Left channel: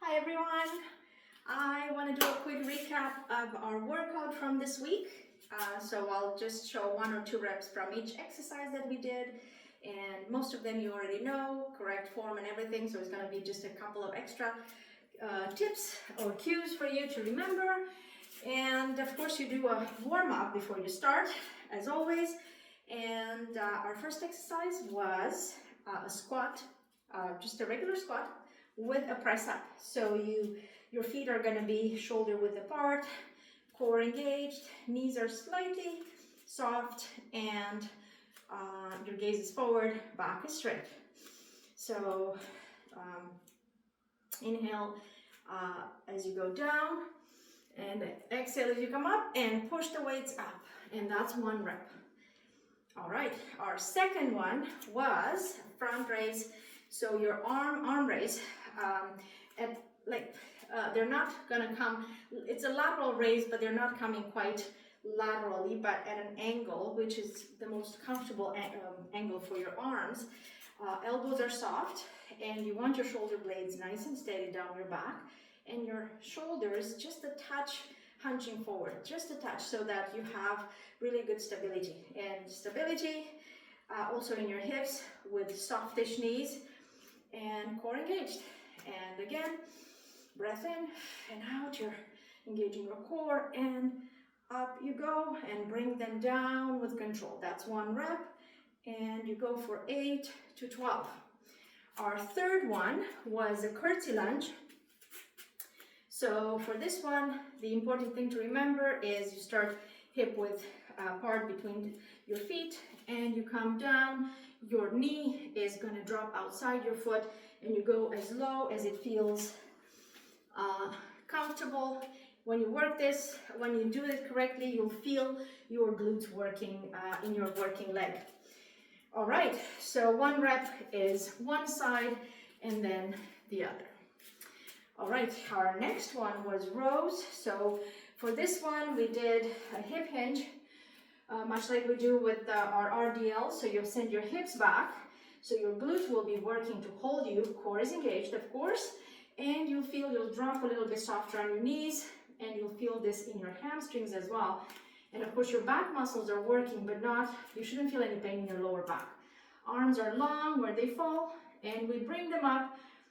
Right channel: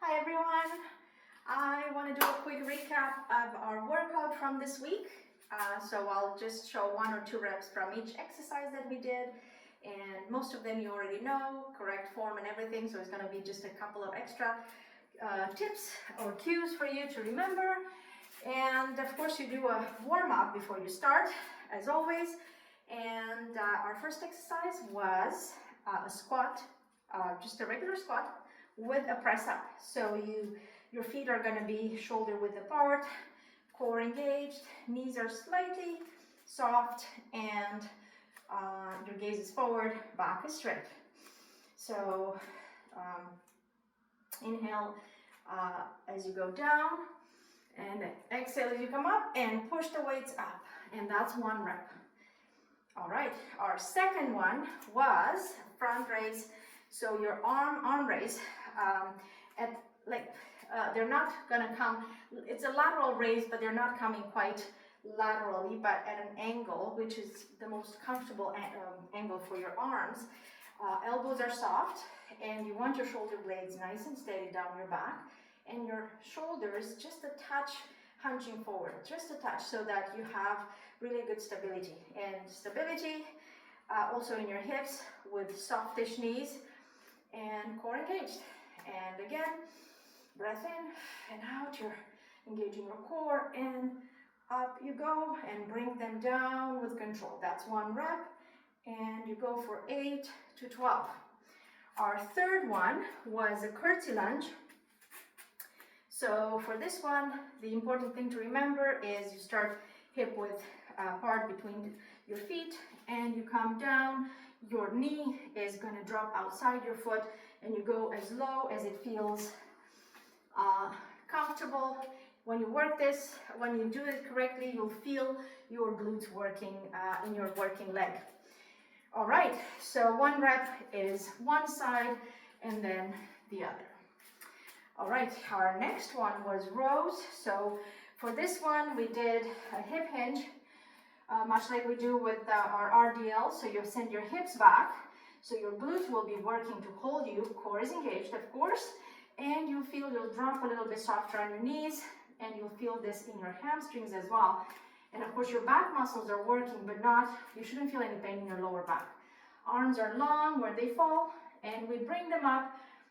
Hi everyone! I want to do a quick recap of our workout from this week. So I'll just show 1 or 2 reps from each exercise that we did, and most of them you already know, correct form and everything, so it's going to be just a couple of extra tips or cues for you to remember. And of course you do a warm-up before you start, as always. And our first exercise was a squat, just a regular squat with a press up. So your feet are going to be shoulder width apart, core engaged, knees are slightly soft, and your gaze is forward, back is straight. So inhale as you go down, and exhale as you come up, and push the weights up, and that's 1 rep. All right, our second one was front raise. So your arm raise, they're not gonna come, it's a lateral raise, but they're not coming quite laterally, but at an angle, which is the most comfortable angle for your arms. Elbows are soft, and you want your shoulder blades nice and steady down your back, and your shoulders just a touch hunching forward, just a touch, so that you have really good stability. And stability also in your hips with softish knees and core engaged. And again, breath in and out, you're engaging your core, and up you go, and bring them down with control. That's 1 rep, and you go for 8 to 12. Our third one was a curtsy lunge. So for this one, the important thing to remember is you start hip width apart between your feet, and you come down. Your knee is going to drop outside your foot, and you go as low as it feels comfortable. When you work this, when you do it correctly, you'll feel your glutes working in your working leg. All right, so 1 rep is one side and then the other. All right, our next one was rows. So for this one, we did a hip hinge, much like we do with our RDL. So you'll send your hips back, so your glutes will be working to hold you, core is engaged, of course, and you'll drop a little bit softer on your knees, and you'll feel this in your hamstrings as well. And of course, your back muscles are working, but you shouldn't feel any pain in your lower back. Arms are long where they fall, and we bring them up,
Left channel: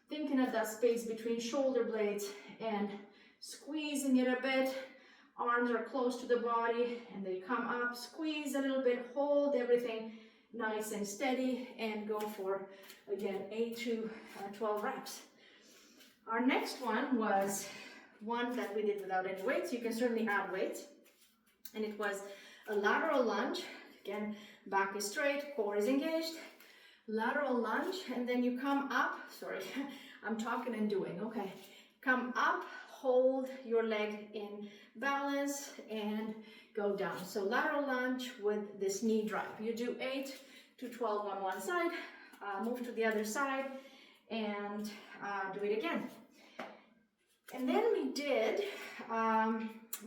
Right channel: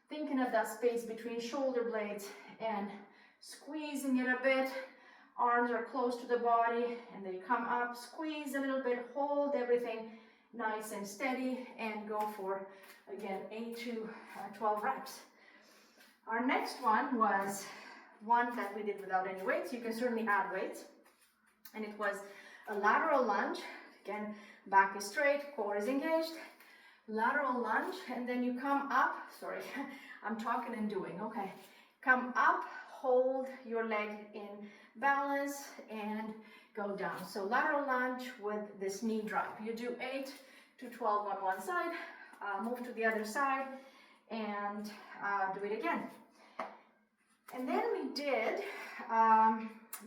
thinking of that space between shoulder blades and squeezing it a bit. Arms are close to the body, and they come up, squeeze a little bit, hold everything nice and steady, and go for, again, 8 to 12 reps. Our next one was one that we did without any weights. You can certainly add weights. And it was a lateral lunge. Again, back is straight, core is engaged. Lateral lunge, and then you come up, sorry, I'm talking and doing, okay. Come up, hold your leg in balance, and go down. So lateral lunge with this knee drive. You do 8 to 12 on one side, move to the other side, and do it again. And then we did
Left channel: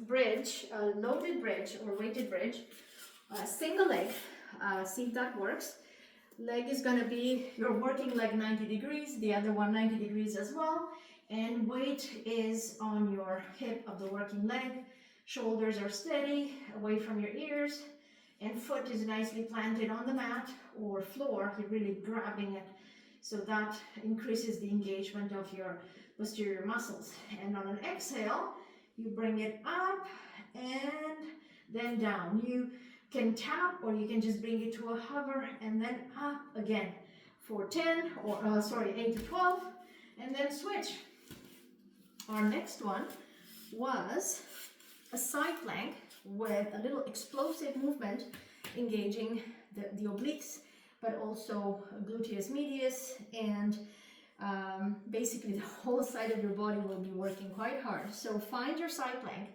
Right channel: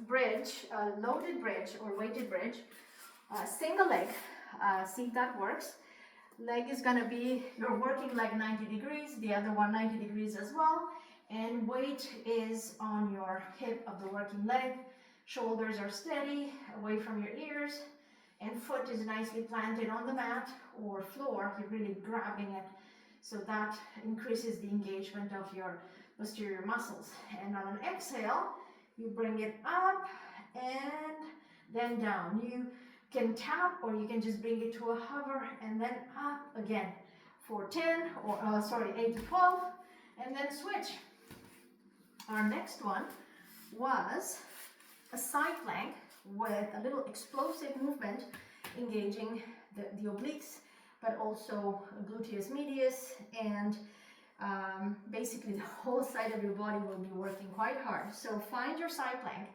bridge, loaded bridge or weighted bridge, single leg, see if that works. Leg is going to be your working leg 90 degrees, the other one 90 degrees as well, and weight is on your hip of the working leg. Shoulders are steady, away from your ears, and foot is nicely planted on the mat or floor. You're really grabbing it, so that increases the engagement of your posterior muscles. And on an exhale, you bring it up and then down. You can tap, or you can just bring it to a hover and then up again for 10 or 8 to 12, and then switch. Our next one was a side plank with a little explosive movement, engaging the obliques, but also gluteus medius, and basically the whole side of your body will be working quite hard. So find your side plank.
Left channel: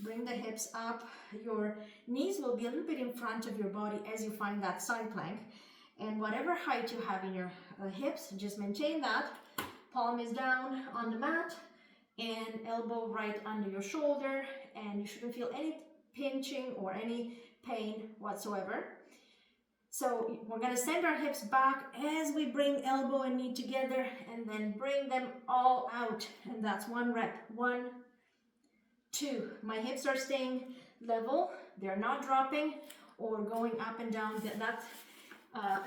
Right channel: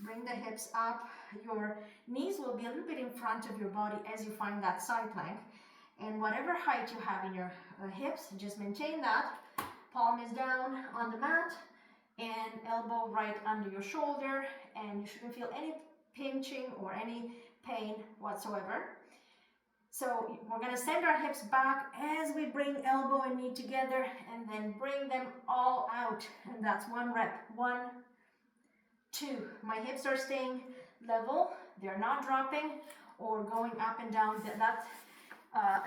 Bring the hips up. Your knees will be a little bit in front of your body as you find that side plank. And whatever height you have in your hips, just maintain that. Palm is down on the mat, and elbow right under your shoulder. And you shouldn't feel any pinching or any pain whatsoever. So we're gonna send our hips back as we bring elbow and knee together and then bring them all out. And that's 1 rep. 1, 2. My hips are staying level. They're not dropping or going up and down.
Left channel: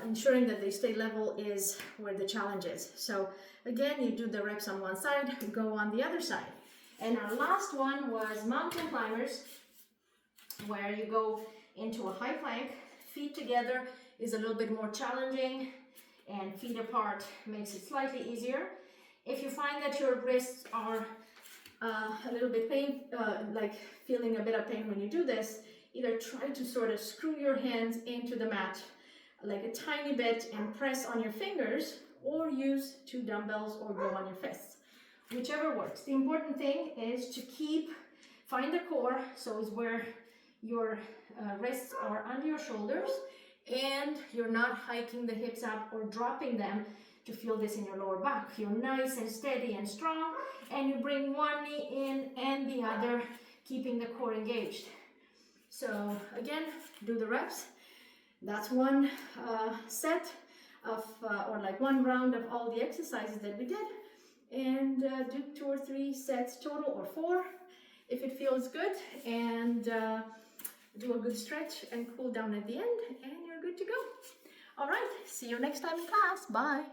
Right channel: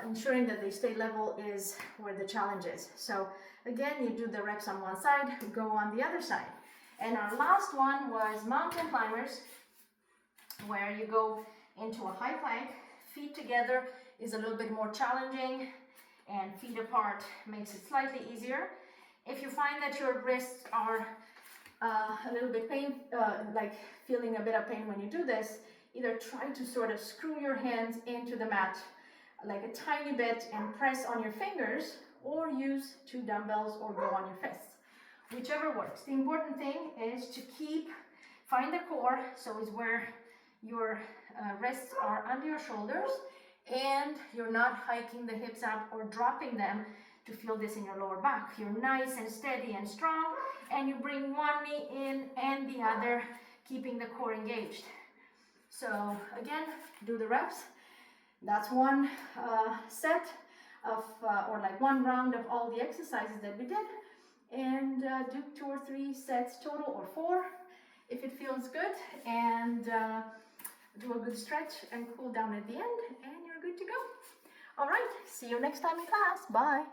Ensuring that they stay level is where the challenge is. So again, you do the reps on one side, go on the other side. And our last one was mountain climbers, where you go into a high plank. Feet together is a little bit more challenging, and feet apart makes it slightly easier. If you find that your wrists are a little bit like feeling a bit of pain when you do this, either try to sort of screw your hands into the mat like a tiny bit and press on your fingers, or use 2 dumbbells or go on your fists, whichever works. The important thing is to find the core, so is where your wrists are under your shoulders and you're not hiking the hips up or dropping them to feel this in your lower back. You're nice and steady and strong, and you bring one knee in and the other, keeping the core engaged. So again, do the reps. That's one set of, or like one round of all the exercises that we did, and do 2 or 3 sets total, or 4 if it feels good, and do a good stretch and cool down at the end, and you're good to go. All right, see you next time in class. Bye.